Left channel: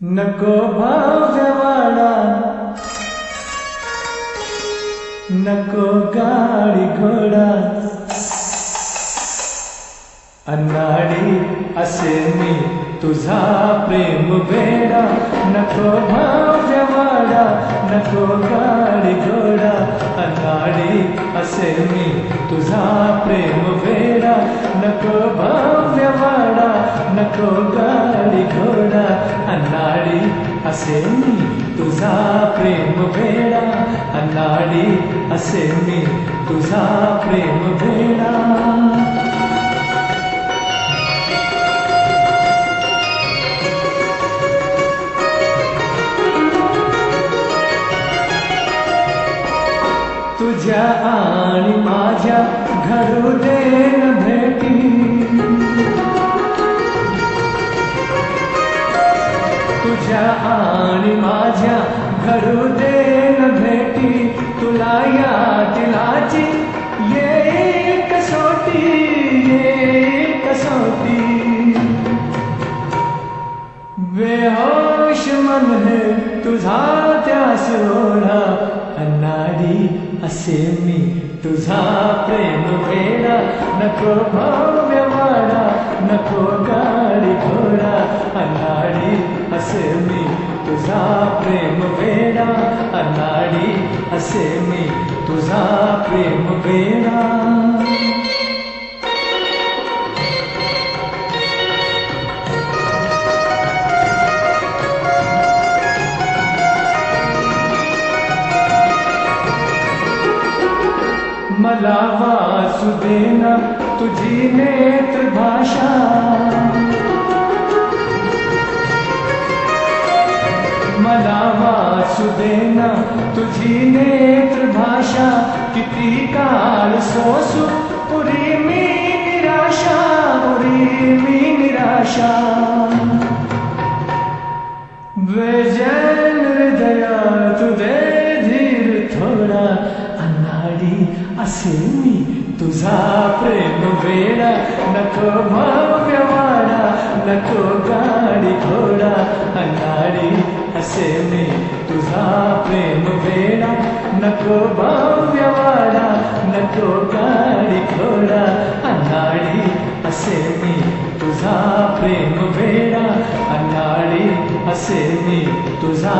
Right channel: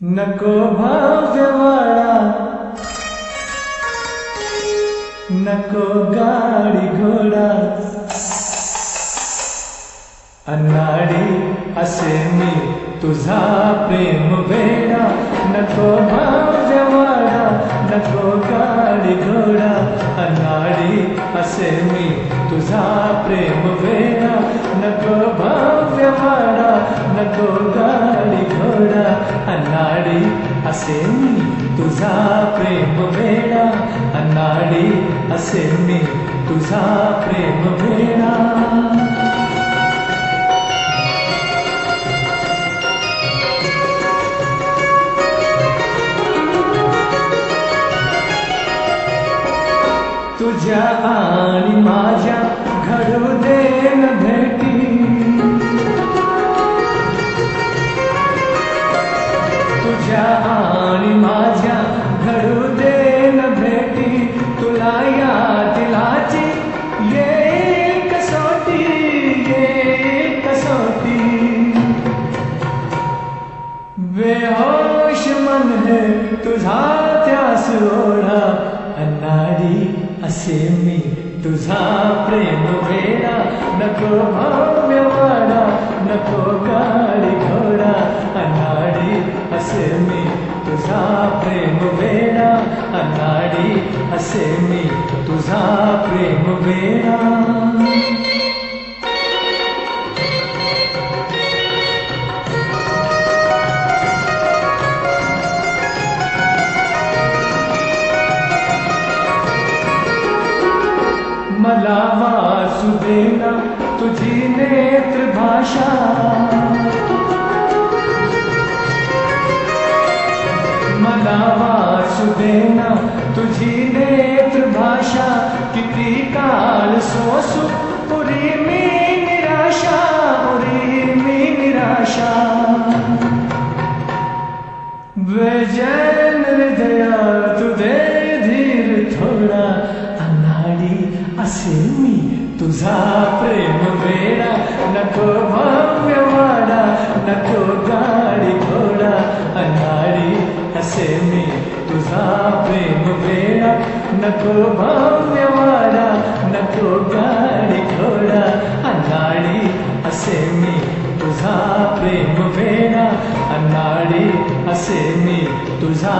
नको भव्यवाडा, नको गाडी घोडा, अनाडी असे मी तुझा प्रेम वेडा. नको भव्यवाडा, नको गाडी घोडा, अनाडी असे मी तुझा प्रेम वेडा. नको भव्यवाडा, नको गाडी घोडा, अनाडी असे मी तुझा प्रेम वेडा. अनाडी असे मी तुझा प्रेम वेडा. तुझ्या आणि माझ्या घडू दे न भेटी, तुझ्या आणि माझ्या घडू दे न भेटी. तुला या दिलाची येईल कसोटी, येईल कसोटी. बेहोश मन है तुझा त्यास ओढा, अनाडी असे मी तुझा प्रेम वेडा. नको भव्यवाडा, नको गाडी घोडा, अनाडी असे मी तुझा प्रेम वेडा. अनाडी असे मी तुझा प्रेम वेडा. मला वाचू देना तुझी नेत्र भाषा, मला वाचू देना तुझी नेत्र भाषा. किती काळ सोसू पुरी मी निराशा, पुरी मी निराशा. बेचैन हृदया तू दे धीर थोडा, अनाडी असे मी तुझा प्रेम वेडा. नको भव्यवाडा, नको गाडी घोडा, अनाडी असे मी तुझा प्रेम वेडा. नको भव्यवाडा, नको गाडी घोडा, अनाडी असे मी तुझा प्रेम वेडा. अनाडी असे मी तुझा